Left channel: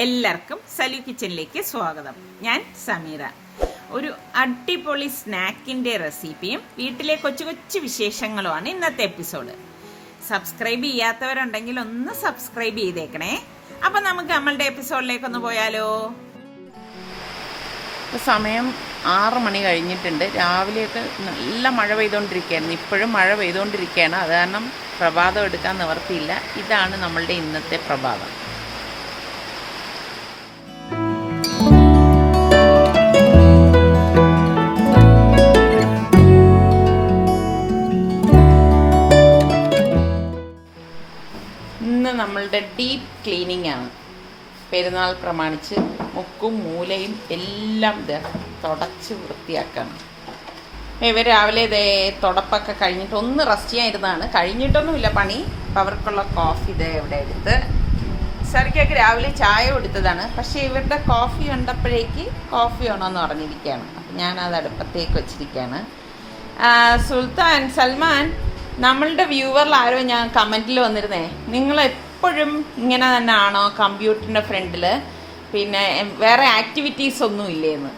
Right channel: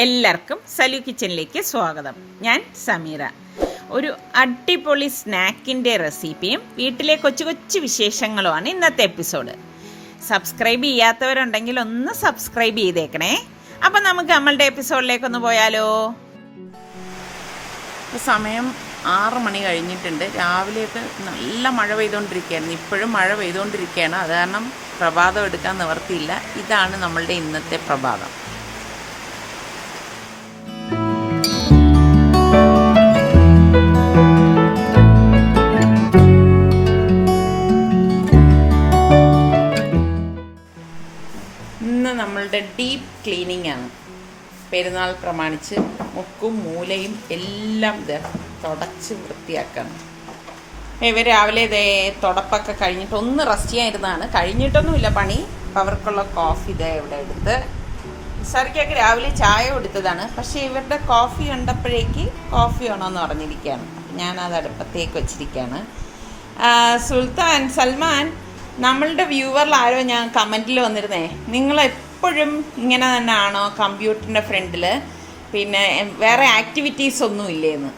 എല്ലാവർക്കും സലു കിച്ചനിലേക്ക് സ്വാഗതം. ഞാൻ സമീറ. ഒരു അടിപൊളി സ്നാക്കിൻ്റെ റെസിപ്പിയും വീട്ടിലെ കൊച്ചു കൊച്ചു വിശേഷങ്ങളുമാണ് ഇന്നത്തെ എപ്പിസോഡ്. സബ്സ്ക്രൈബ് ചെയ്യാത്തവരുണ്ടെങ്കിൽ ഒന്ന് സബ്സ്ക്രൈബ് ചെയ്തേക്കണേ. അപ്പം നമുക്ക് നമ്മളുടെ എപ്പിസോഡിലേക്കൊന്ന് പോയാലോ. സമയം 6 മണി കഴിഞ്ഞിട്ടുണ്ട്. രാവിലെയൊക്കെ നല്ല മഴ പെയ്തുകൊണ്ടിരിക്കുകയായിരുന്നു. ഇപ്പോഴും മഴ പെയ്തുകൊണ്ടിരിക്കുകയാണ്. അത് കാരണം പ്രഭാതം എടുക്കാൻ നിവർത്തിയില്ല. ഇതാണ് നമ്മളുടെ ഇന്നത്തെ പ്രഭാതം. ഇന്ന് നമ്മളുടെ ഡീപ്പ് ക്ലീനിങ് ആണ്. പെരുന്നാൾ പ്രമാണിച്ച് മുക്കും മൂലയും എല്ലാം തുടച്ച് വൃത്തിയാക്കാണ്. ഇവർ രാവിലെ തുടപ്പൊക്കെ കഴിഞ്ഞിട്ട് ഒന്ന് റെസ്റ്റ് ചെയ്യാനിരുന്നതാണ്. കഴിഞ്ഞിട്ടൊന്നുമില്ല പണി. അപ്പോൾ അവർക്കുള്ള കോഫി ഇവിടെ എടുത്ത് സരിക്കൊക്കെ രാവിലെ ചായ കൊടുത്തതാണ്. പക്ഷേ ഇവരുടെ കോഫി കണ്ടപ്പോഴേക്ക് കോഫി വേണമെന്ന് പറഞ്ഞിരിക്കുകയാണ്. അപ്പം ഞാനത് അടുപ്പത്തേക്ക് വെച്ചിരിക്കുകയാണ്. സുൽത്താൻ സൽമാൻ, നമ്മളുടെ വ്യൂവറിൽ ആരോ ഞാൻ കമൻറ്റിൽ വന്നിരുന്നേ, നിങ്ങളെപ്പോഴും ഇങ്ങനെ തന്നെ ആണോ കമ്പ്യൂട്ടറിൻ്റെ ഫ്രണ്ടിൽ, പിന്നെ വേറെ ആക്ടിവിറ്റീസ് ഒന്നും ഇല്ലേന്ന്?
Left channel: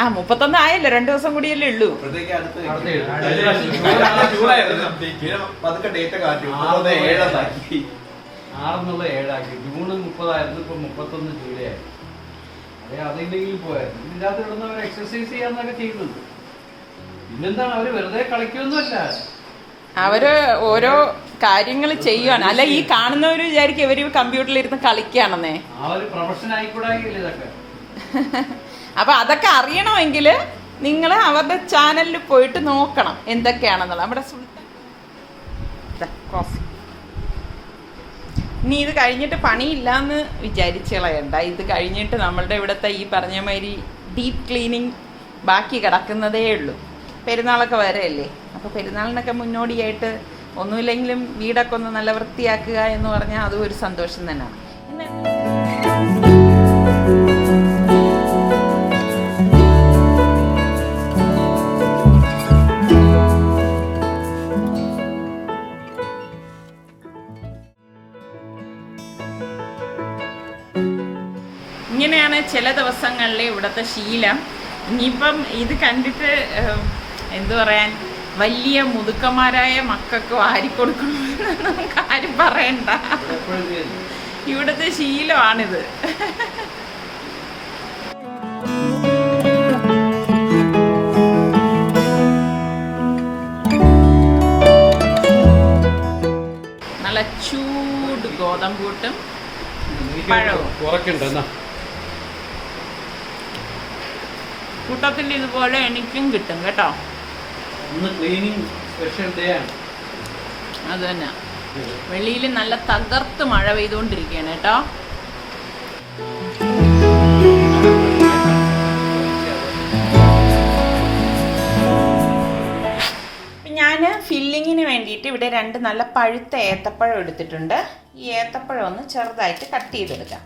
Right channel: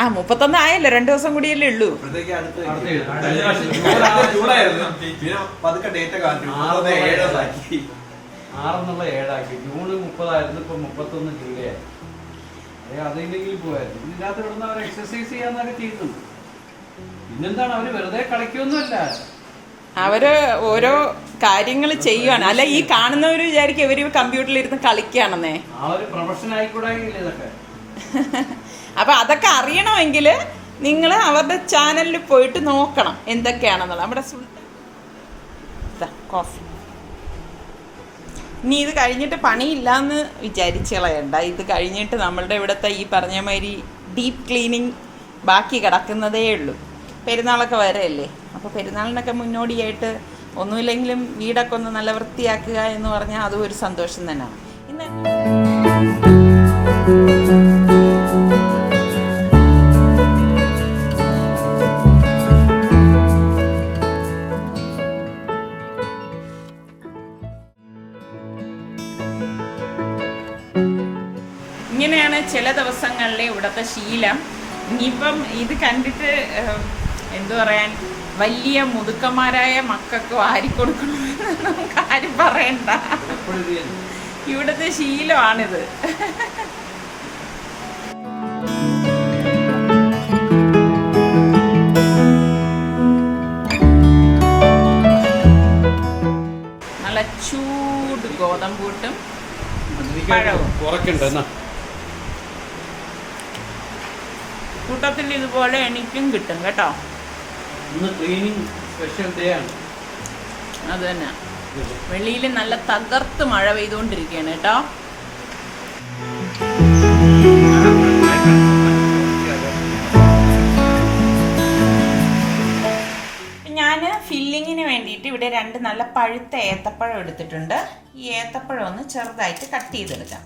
ആ 31 ആയല്ലോ, 2 ദിവസം കൂടിയല്ലേ ഉള്ളൂ. ജൂൺ 30 ഇപ്പൊ 31 ജൂലൈ ആയി. അതെന്തെങ്കിലും പോയായിരുന്നു. ഇതിനകത്ത് ഇവിടുന്ന് അവർ എക്സസൈസ് ചെയ്യാന്നൊക്കെ ചെയ്യുന്നുണ്ട്. പിന്നെന്താണ്, അവര് വെറുതെ കളിക്കൊന്നുമല്ല, അവര് ഓരോ കാര്യങ്ങൾ ചെയ്യുവാണ്. അല്ല, ഈ കാണുന്നവര് വിചാരിക്കും ഇവര് കമ്പ്യൂട്ടറിൽ ഇരുന്ന് കളിക്കുകയാണെന്നേ. ആ ഒരു പ്രൊഫഷൻ ആയിക്കൂടാകില്ല ഇതൊക്കെ. അപ്പൊ അതൊക്കെ അറിയണമെങ്കിൽ നിങ്ങൾ അവരുടെ ചാനലിൽ പോയിട്ട് നോക്കണം എന്തൊക്കെയാണെന്നുള്ളത്. നമ്മുടെ കോഫി. ഇനി ഇത് കഴിഞ്ഞിട്ട് പണിയില്ലാന്ന് വിചാരിച്ച് കളയണ്ട. ഇത് കഴിഞ്ഞിട്ട് നമ്മളുടെ ഇവിടുത്തെ ഈ പറഞ്ഞ മാതിരി ഡീപ്പ് ക്ലീനിങ് ബാക്കി കിടക്കുന്നതേ ഉള്ളൂ. പെരുന്നാളൊക്കെ വരെയല്ലേ. അപ്പോൾ പെരുന്നാളിനൊക്കെ മുന്നോടിയായിട്ട് ഒന്നുമില്ലെങ്കിലും വീടൊക്കെ ഒന്ന് നല്ല വൃത്തിയാക്കുക എന്ന് പറഞ്ഞാൽ അതും ഒരു സന്തോഷം തന്നെയാണ്. ഇങ്ങനെയാണ് ചില ദിവസങ്ങളിലെ ഇവിടുത്തെ ശീലം. ഇനിയിപ്പം ഇത് കണ്ടിട്ട് എന്തു പറയാൻ, വലിയ മുതുക്കന്മാരായ മക്കൾക്ക് വാരിക്കൊടുക്കണമെന്ന് നമുക്ക് ആരും പറയണ്ട. ഇവിടുത്തെ ശീലമാണിത്. നല്ല ചൂട് ഗോതമ്പൂട്ടും പഴവും കൂട്ടത്തിൽ ഇതുപോലെ എനിക്കും കിട്ടും കേട്ടോ. അത് തന്നെ. വെളിയിൽ നല്ല തകർത്ത് മഴ പെയ്തുകൊണ്ടിരിക്കുകയാണ് കേട്ടോ. ഞാൻ ഫില്ലിങ്ങിന് വേണ്ടിയിട്ട് ഇവിടെ 2 നല്ല പഴുത്ത ഏത്തപ്പഴം എടുത്തിട്ടുണ്ട്. ഈ ഏത്തപ്പഴം ഒന്ന് ചെറുതായിട്ട് കട്ട് ചെയ്തെടുക്കാം.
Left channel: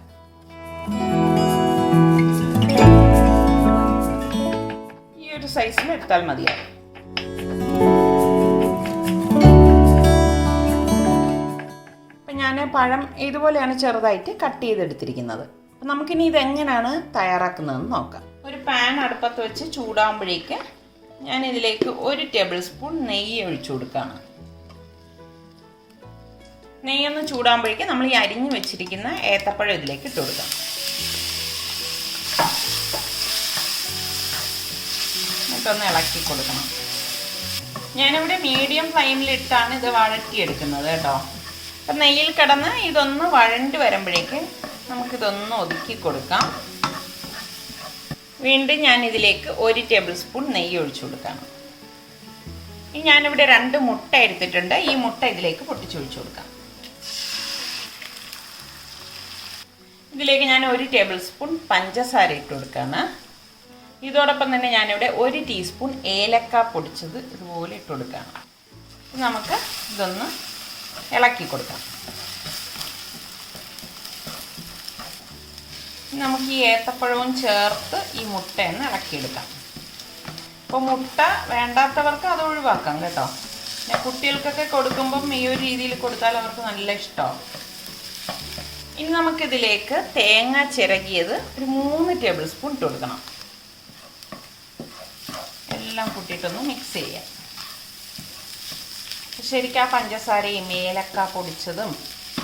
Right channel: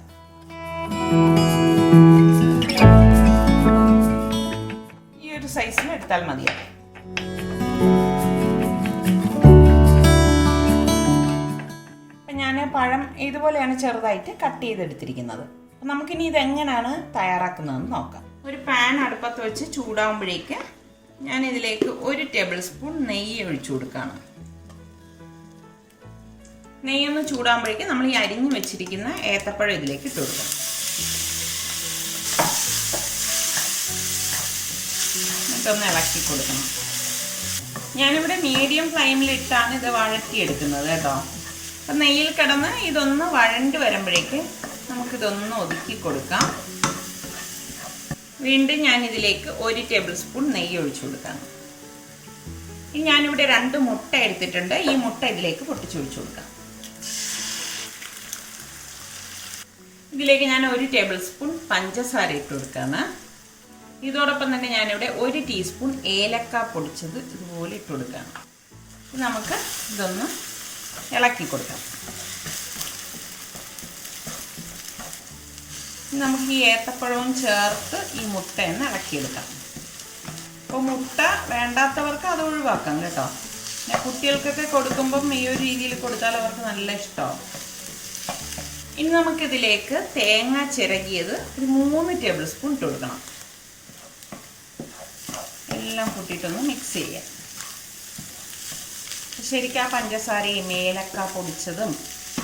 ഈ ഒരു സൈസിൽ എടുത്താൽ മതിയാവും. ഞാൻ പഴം ഇതുപോലെയാണ് ചെറുതായിട്ട് കട്ട് ചെയ്തെടുത്തിരിക്കുന്നത്. അപ്പം നമുക്കിനി ഇതെങ്ങനെയാണ് തയ്യാറാക്കുന്നതെന്ന് നോക്കാം. ഒരു പാൻ അടുപ്പത്ത് വെച്ച് ചൂടാകുമ്പോഴേക്ക് ഞാൻ ഇതിലേക്ക് 1 ടേബിൾ സ്പൂൺ നെയ്യ് ഒഴിച്ചു കൊടുക്കുകയാണ്. നെയ്യൊന്ന് ചൂടാകുമ്പോഴേക്ക് നമ്മൾ ഈ അരിഞ്ഞു വെച്ചിരിക്കുന്ന ഏത്തപ്പഴം ഇതിലേക്ക് ഇട്ട് കൊടുക്കാം. എന്നിട്ടൊന്ന് ഇളക്കി കൊടുക്കണം. ഞാനിവിടെ മീഡിയം ഫ്ലെയിമിലിട്ടാണ് ഇത് വഴറ്റിയെടുക്കുന്നത് കേട്ടോ. അപ്പം നെയ്യിൽ കിടന്ന് ഇതൊന്ന് വഴണ്ട് വരുമ്പോഴേക്ക് നമുക്കിതൊന്ന് ഒതുക്കി കൊടുക്കാം. വീണ്ടും ഞാനിതിലേക്ക് 1 ടേബിൾ സ്പൂൺ നെയ്യ് ഒഴിച്ചു കൊടുക്കാം. ഇനി ഞാനിവിടെ 2 മുട്ട എടുത്തിട്ടുണ്ട്. ഈ മുട്ട ഇതിലേക്ക് പൊട്ടിച്ചൊഴിച്ചു കൊടുക്കാം. ഇതിലേക്ക് ഞാൻ 1 ടേബിൾ സ്പൂൺ പഞ്ചസാര ഇട്ട് കൊടുക്കുകയാണ്. ഇതോടൊപ്പം തന്നെ ഞാനിവിടെ 1 ടീസ്പൂൺ ഏലക്ക പൊടിച്ചത് ഇതുപോലെ ഇട്ട് കൊടുക്കുകയാണ്. നമുക്ക് ഇതൊന്ന് ഇളക്കി കൊടുക്കാം. നമുക്ക് ഈ ഏത്തപ്പഴവും ചേർത്ത് ഈ മുട്ടയൊന്ന് ഇളക്കിയെടുക്കാം. അപ്പോൾ മുട്ട വേണ്ടാത്തവർക്ക് അത് ഒഴിവാക്കാം കേട്ടോ. പിന്നെ കുട്ടികൾക്കൊക്കെ കൊടുക്കുമ്പം ഈ ഒരു രീതിയിൽ കൊടുത്താൽ അവർക്ക് നല്ല ഇഷ്ടമാവും. ഇനി നമുക്കിതിലേക്ക് തേങ്ങ ചിരകിയത് ഒരു 3 ടേബിൾ സ്പൂൺ ഇട്ട് കൊടുക്കണം. എല്ലാം കൂട്ടിയിട്ടൊന്ന് മിക്സ് ചെയ്യാം. ശരിക്കും ആ പഞ്ചസാരയും ഏലക്ക പൊടിച്ചതും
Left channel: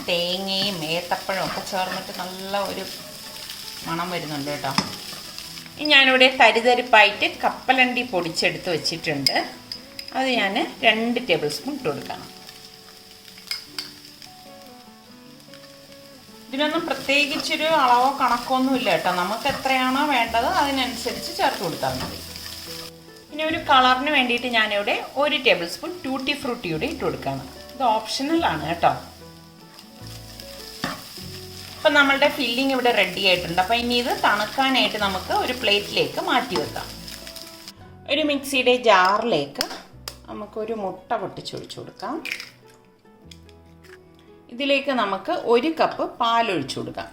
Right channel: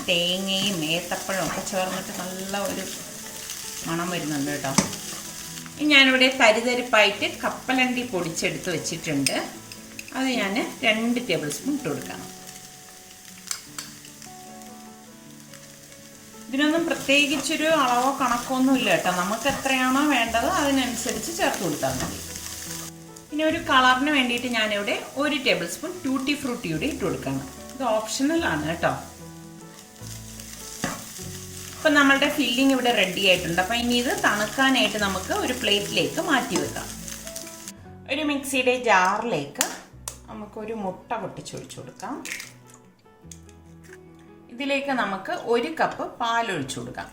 തേങ്ങയും ഏത്തപ്പഴവും ഒക്കെ ചേർന്നിട്ട് നല്ല ഒരു മണം വരുന്നുണ്ട് കേട്ടോ. ഇനി ഞാനിവിടെ തരിതരിപ്പായിട്ട് കപ്പലണ്ടി പൊടിച്ചെടുത്ത് വെച്ചിട്ടുണ്ട്. അത് ഞാൻ 2 ടേബിൾ സ്പൂൺ ഇട്ട് കൊടുക്കണം. ഇതിനൊന്നും പ്രത്യേകിച്ചൊരു അളവോ കണക്കൊന്നും ഇല്ല കേട്ടോ. നമുക്ക് എത്രയാണോ വേണ്ടത് അതിനനുസരിച്ച് ചേർത്ത് കൊടുത്താൽ മതി. ഇനി ഒരു കളറിന് വേണ്ടിയിട്ട് ഞാനിവിടെ 1 ടേബിൾ സ്പൂൺ ടൂട്ടി ഫ്രൂട്ടിയുടെ ഇട്ട് കൊടുക്കണം. ഇത് ഓപ്ഷണലാണ് കേട്ടോ. അപ്പം നമ്മളുടെ ഫില്ലിംഗ് ഇവിടെ റെഡി ആയിട്ടുണ്ട്. അപ്പം ഇനി ഇത് തണുക്കാനായിട്ട് നമുക്ക് ഒരു പ്ലേറ്റിലേക്ക് മാറ്റി വെക്കാം. ഒരു മിക്സിയുടെ ജാറിലേക്ക് നമുക്കൊരു മുട്ട പൊട്ടിച്ചൊഴിച്ചു കൊടുക്കാം. ഇതിലേക്ക് നമുക്ക് 1 കപ്പ് പാലൊഴിച്ചു കൊടുക്കാം.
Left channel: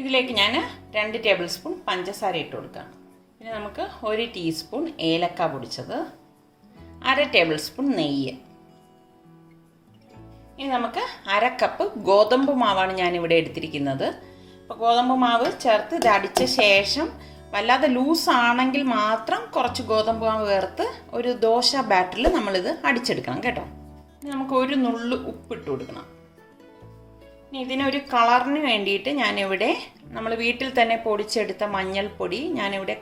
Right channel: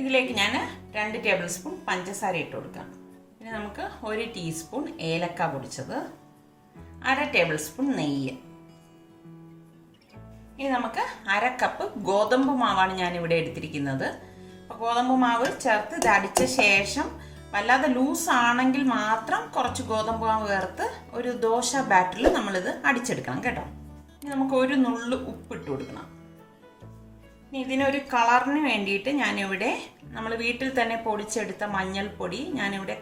ഇതിലേക്ക് ഞാൻ 2 ടേബിൾ സ്പൂൺ പഞ്ചസാര ഇട്ട് കൊടുക്കാം. പിന്നെ നമുക്ക് 1 ടീസ്പൂൺ ഏലക്ക പൊടിച്ചത്, 1/2 ടേബിൾ സ്പൂൺ നെയ്യ്. ഇനി നമുക്ക് 1/2 കപ്പ് ഗോതമ്പ് മാവാണ് ഞാനിവിടെ എടുത്തിരിക്കുന്നത്. അപ്പോൾ ഗോതമ്പ് മാവ് ചേർത്ത് ഇത് അടിച്ച ശേഷം വല്ലാതെ ലൂസാണെങ്കിൽ മാത്രം കുറച്ച് ഗോതമ്പ് മാവ് ചേർത്ത് ഒരു ദോശ ബാറ്ററിൽ നമ്മളിത് അടിച്ചെടുക്കണം കേട്ടോ. ഇനി നമുക്ക് 1 നുള്ളു ഉപ്പിട്ട് കൊടുക്കണം. ഇനി ഇതിനൊരു കളറിന് വേണ്ടിയിട്ട് ഞാനിവിടെ നമ്മൾ വീട്ടിൽ തന്നെ പൊടിച്ചെടുത്ത മഞ്ഞൾപ്പൊടി ഞാനിവിടെ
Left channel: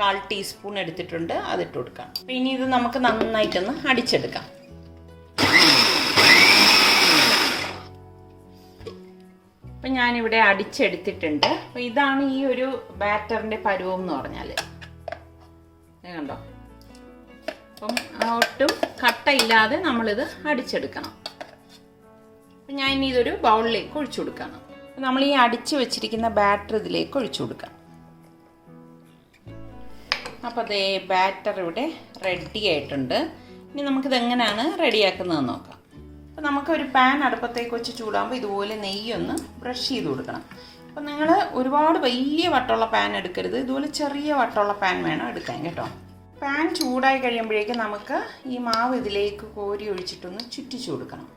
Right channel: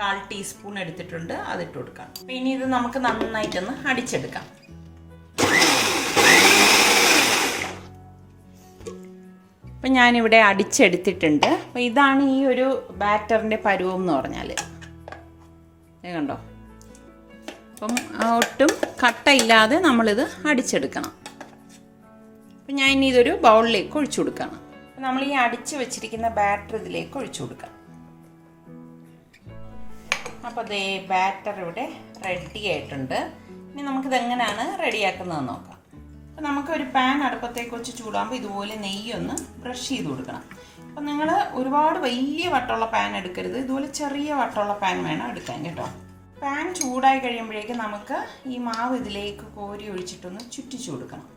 1/4 ടീസ്പൂൺ എടുത്തിട്ടുണ്ട്. അതിട്ട് കൊടുക്കാം. അപ്പോൾ ഇനി ഇത് നമുക്ക് നന്നായിട്ടൊന്ന് അടിച്ചെടുക്കാം. അപ്പം ഞാനിവിടെ അടിച്ചെടുത്തിട്ടുണ്ട്. അപ്പോൾ ഇതാണ് ഈ ഒരു ബാറ്ററിൻ്റെ പരുവം എന്ന് പറഞ്ഞാൽ. കണ്ടോ? അപ്പം ഒട്ടും കട്ടയില്ലാതെ നമ്മളിത് അടിച്ചെടുക്കണം. അപ്പം ഞാൻ ഇനി ഇതൊരു ബൗളിലേക്ക് ഒഴിച്ചു കൊടുക്കണം. അപ്പം നമ്മൾ ഈ അടിച്ച് വെച്ചിരിക്കുന്ന ബാറ്റർ ഇതിലേക്ക് ഒഴിച്ചു കൊടുക്കാം. അപ്പോൾ അതേ ബാറ്റർ ഇവിടെ റെഡി ആയിട്ടുണ്ട്. ഇനി നമുക്കിത് എങ്ങനെയാണ് റെഡിയാക്കുന്നതെന്ന് നോക്കാം. അപ്പോൾ നമുക്കൊരു പാൻ അടുപ്പത്തേക്ക് വെച്ച് ചൂടാകുമ്പോൾ ഇതുപോലെ നെയ്യൊന്ന് ബ്രഷ് ചെയ്ത് കൊടുക്കണം. അപ്പം നിങ്ങൾ ഒരുപാട് വലിയ വട്ടമുള്ള പാൻ എടുക്കരുത്. ഇതുപോലെ ചെറിയ വട്ടമുള്ള പാൻ വേണം എടുക്കാൻ കേട്ടോ. പാൻ ചൂടായി കഴിയുമ്പോഴേക്കും നമുക്ക് ഈ മാവ് ഇതിലേക്ക് കോരി ഒഴിച്ചിട്ടൊന്ന് ചുറ്റിച്ചു കൊടുക്കണം.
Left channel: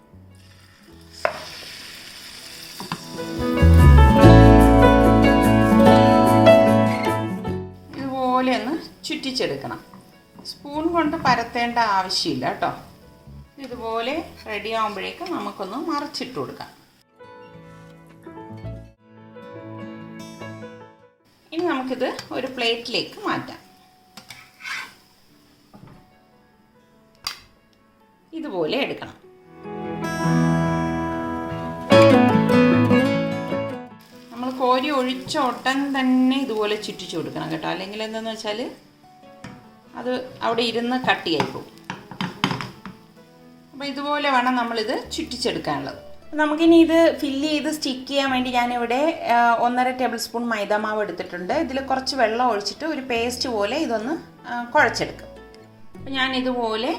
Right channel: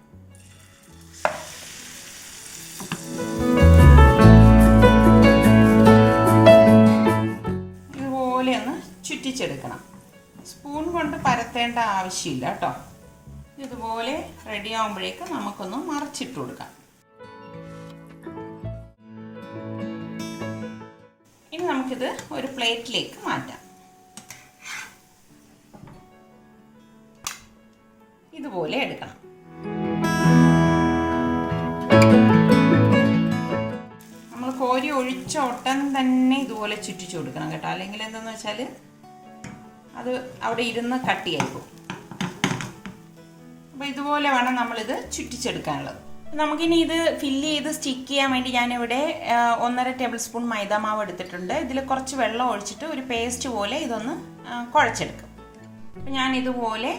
ഇതുപോലെ ഒന്ന് ചുറ്റിച്ചെടുക്കണം. സ്പൂൺ കൊണ്ട് പരത്തേണ്ട ആവശ്യമില്ല കേട്ടോ. ഇതുപോലെ റെഡി ആകുമ്പോഴേക്കും നമുക്കൊന്ന് മറിച്ചിട്ട് കൊടുക്കാം. ഇനി നമുക്കിത് ഒരു പ്ലേറ്റിലേക്ക് മാറ്റാം. ഇതുപോലെ എടുക്കണം. നമ്മൾ കോരി ഒഴിച്ച ഉടൻ തന്നെ ഇതുപോലെ ചുറ്റിച്ചു കൊടുക്കണം കേട്ടോ. അല്ലെങ്കിൽ എന്താണെന്ന് വെച്ചാൽ അത് അവിടെ ഇരുന്ന് കട്ടിയായി പോകും. അപ്പോൾ ഇതുപോലെ വേണം നമ്മളിത് ചുറ്റിച്ചെടുക്കാനുള്ളത്. നമുക്കിനി ഇത് ഫില്ല് ചെയ്ത് സ്റ്റിക്ക് ചെയ്യാൻ വേണ്ടി ഞാനിവിടെ 1.5 ടേബിൾ സ്പൂൺ മൈദാമാവ് എടുത്തിട്ടുണ്ട്. ഇതിൽ കുറച്ച് വെള്ളം ഒഴിച്ചിട്ട് ഒരു പേസ്റ്റ് പോലെ ഇതൊന്ന് കുഴച്ചെടുക്കും. അപ്പോൾ ഞാനിതുപോലെ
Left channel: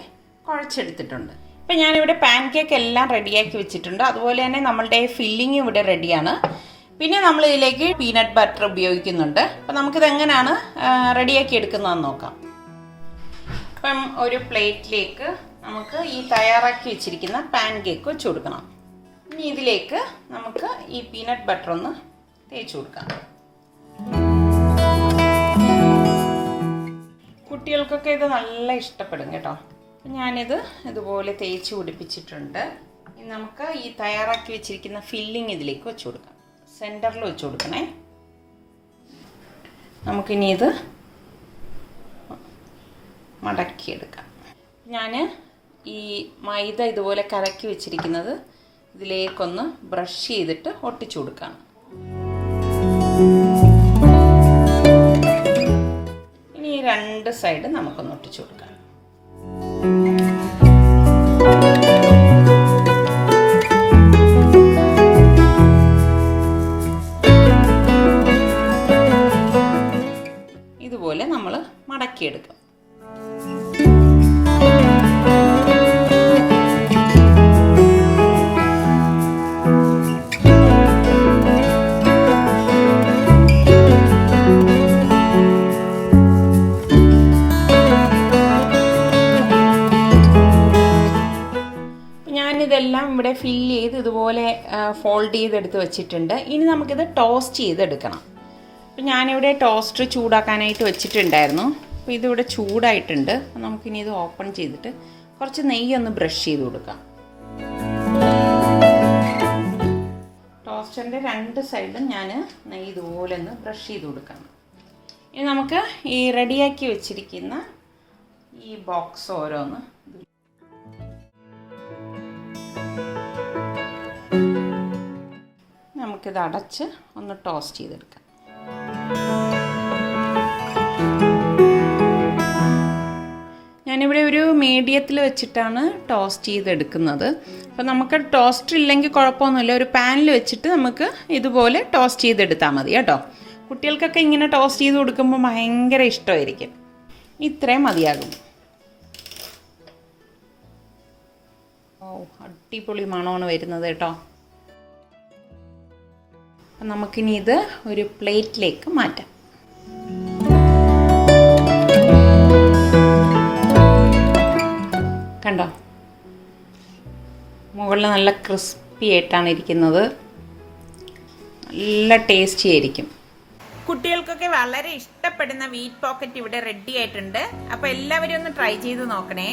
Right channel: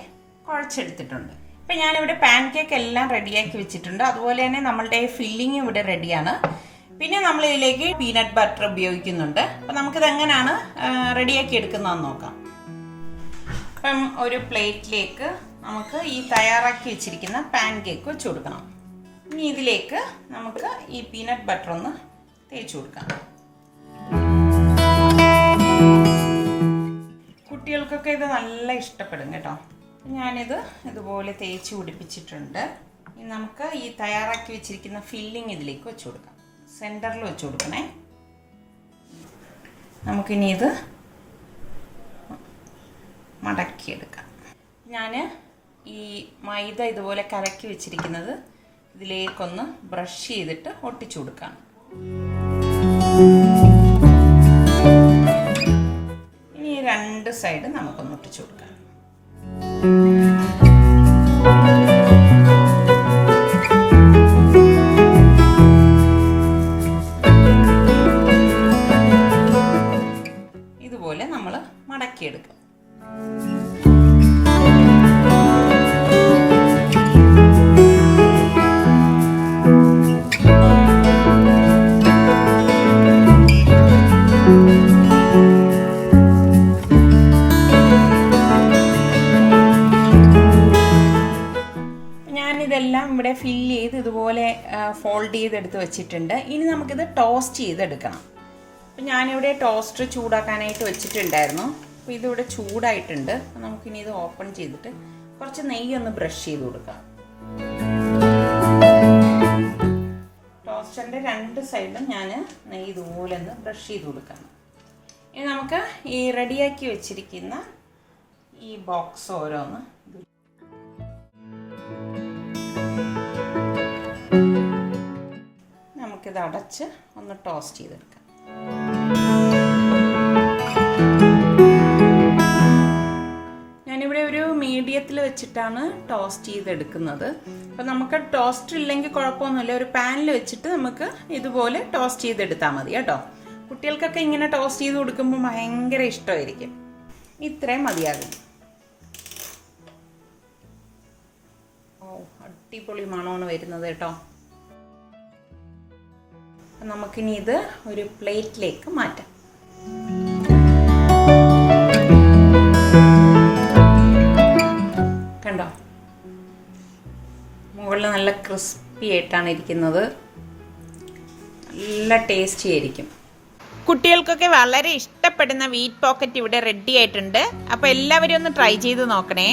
കുഴച്ചെടുത്തിട്ടുണ്ട്. ഇപ്പം ഞാനിവിടെ പാൻ കേക്ക് എല്ലാം റെഡിയാക്കി വെച്ചിട്ടുണ്ട്. അതുപോലെ തന്നെ നമ്മളുടെ ഫില്ലിങ് ഇവിടെ റെഡിയാണ്. പിന്നെ നമ്മൾ ഇതിലേക്ക് പീനട്ട് ബട്ടർ ഉപയോഗിക്കുന്നുണ്ട്. അപ്പോൾ നമുക്കിത് എങ്ങനെയാണ് റെഡിയാക്കി എടുക്കുന്നതെന്ന് നോക്കാം. അപ്പം ഒരു പ്ലേറ്റിലേക്ക് നമുക്ക് ഈ തയ്യാറാക്കി വെച്ചിരിക്കുന്ന പാൻ കേക്ക് വെച്ച് കൊടുക്കണം. ഇനി ഇതിലേക്ക് നമുക്ക് ഈ പീനട്ട് ബട്ടർ ഒന്ന് തേച്ച് കൊടുക്കാം. കുട്ടികൾക്കൊക്കെ ഇത് നല്ല ഇഷ്ടപ്പെടും കേട്ടോ. ഞാനിത് ഇതുപോലെ തേച്ച് പിടിപ്പിച്ചിട്ടുണ്ട്. ഇനി നമുക്ക് ഈ തയ്യാറാക്കി വെച്ചിരിക്കുന്ന ഫില്ലിങ് ഇതിലേക്ക് വെച്ച് കൊടുക്കാം. സെൻറ്ററിൽ വെച്ച് കൊടുക്കണേ. നമുക്കിനി ഇത് മടക്കിയെടുക്കാം. ഞാൻ ഈ മൈദ ഇതുപോലെ കലക്കി വെച്ചിരിക്കുന്നത് ഇതിലേക്കൊന്ന് ബ്രഷ് ചെയ്തിട്ട് ഒട്ടിച്ചു കൊടുക്കാം. ഇനി 2 സൈഡ് നമുക്കൊന്ന് ഒട്ടിച്ചു കൊടുക്കാം. ഇതുപോലെ നമ്മൾ മടക്കിയെടുക്കും. ചെയ്തെടുത്ത് വെച്ചിട്ടുണ്ട്. ഇനി നമുക്കിത് ടോസ്റ്റ് ചെയ്തെടുക്കണം. അപ്പം ഞാനിവിടെ ടോസ്റ്റർ ചൂടാക്കാനായിട്ട് വെച്ചിട്ടുണ്ടായിരുന്നു. അപ്പോൾ ഇതിവിടെ ചൂടായിട്ടുണ്ട്. നമുക്കിനി ഇത് ഓപ്പൺ ചെയ്തിട്ട് കുറച്ച് നെയ്യൊന്ന് ബ്രഷ് ചെയ്ത് കൊടുക്കാം. ടോസ്റ്ററിൻ്റെ 2 സൈഡും ഞാൻ നെയ്യ് ഇതുപോലെ ഒന്ന് ബ്രഷ് ചെയ്ത് കൊടുക്കാം. ഇനി നമുക്ക് ഈ റെഡിയാക്കി വെച്ചിരിക്കുന്ന ഈ ബോക്സ് ഓരോന്ന് നമുക്കിത് അടച്ച് ഒന്ന് ടോസ്റ്റ് ചെയ്തെടുക്കാം. ഞാനിവിടെ ഒരു മീഡിയത്തിൽ വെച്ചിട്ടാണ് ടോസ്റ്റ് ചെയ്തെടുക്കുന്നത്. അപ്പോൾ നമുക്ക് ടോസ്റ്റർ ഇല്ലെങ്കിൽ കുഴപ്പമൊന്നുമില്ല, ഒരു പാനിൽ വെച്ചിട്ട് നമുക്ക് ഇതുപോലെ ടോസ്റ്റ് ചെയ്തെടുത്താൽ മതി കേട്ടോ. കുട്ടികൾക്കൊക്കെ ഇങ്ങനെ ടോസ്റ്റ് ചെയ്ത് കൊടുക്കുമ്പോൾ ഭയങ്കര ഇഷ്ടമായിരിക്കും. ഇത്രയും മതിയാകും. ഓ, അടിപൊളി മണമാണ് വരുന്നത് കേട്ടോ. നമുക്കിനി ഇത് ഒരു പ്ലേറ്റിലേക്ക് മാറ്റാം. കണ്ടോ, മുകളിൽ നല്ല ക്രിസ്പി ആയിട്ടാണ് ഇരിക്കുന്നത്. നല്ല ടേസ്റ്റി ആയിരിക്കും. കുട്ടികൾക്കൊക്കെ വളരെ ഇഷ്ടപ്പെടുന്ന വീറ്റ് പോക്കറ്റ് ഇവിടെ റെഡി ആയിട്ടുണ്ട്. അപ്പോൾ എല്ലാവരും ഒന്ന് ട്രൈ ചെയ്ത് നോക്കണേ.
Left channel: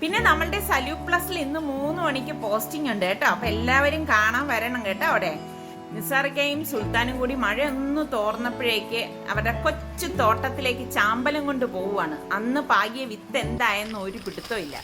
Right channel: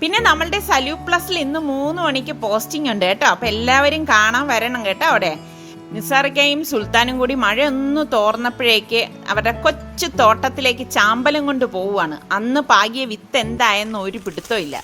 പിന്നെ നമ്മളുടെ സലൂ പ്ലസിൽ ഇന്ന് 3 മണിക്ക് പോസ്റ്റിംഗ് ഉണ്ട് കേട്ടോ. അപ്പോൾ എല്ലാവരും കാണാൻ വരണം കേട്ടോ. അവിടെ നിസാറിക്കയും സുൽത്താനും കൂടി മഴയൊന്ന് തോർന്നപ്പോഴേക്ക് അവരുടെ കൊച്ചു തോട്ടത്തിലേക്ക് ചാമ്പലം കൊണ്ട് പോവുകയാണ്. അന്ന് പാകിയ വിത്ത് എന്തായെന്ന് ഒരു പിടുത്തവും ഇല്ല.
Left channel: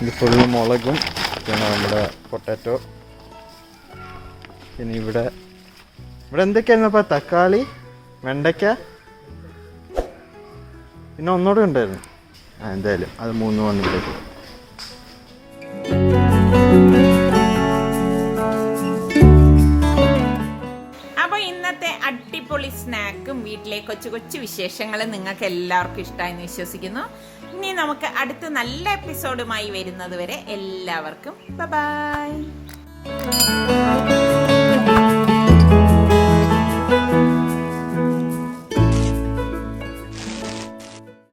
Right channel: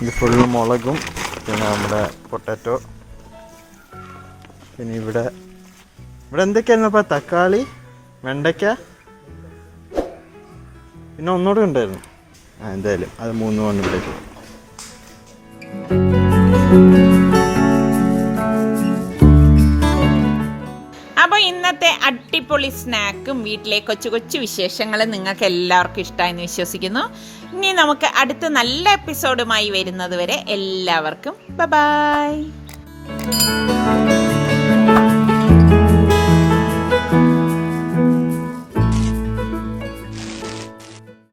ഇത് ഫുള്ള് മുളകും പിന്നെ നമ്മുടെ പൊട്ടാറ്റോ, പിന്നെ ഇവിടെ എന്തൊക്കെയായിരുന്നപ്പോൾ തക്കാളി, വെണ്ടയ്ക്ക, പിന്നെ ഒന്നുകൂടെ ഉണ്ടായിരുന്നു. എന്തായാലും അത് 3 കൊണ്ടിട്ടേക്ക്. അപ്പോൾ ഇന്നത്തെ അടിപൊളി സ്നാക്കും വീട്ടിലെ കൊച്ചു കൊച്ചു വിശേഷങ്ങളും നിങ്ങൾക്ക് എല്ലാവർക്കും ഇഷ്ടമായെന്ന് വിശ്വസിക്കുന്നു. ഇനി നമുക്ക് അടുത്ത നല്ല എപ്പിസോഡുമായി വരുന്നത് വരെ എല്ലാവർക്കും ബൈ.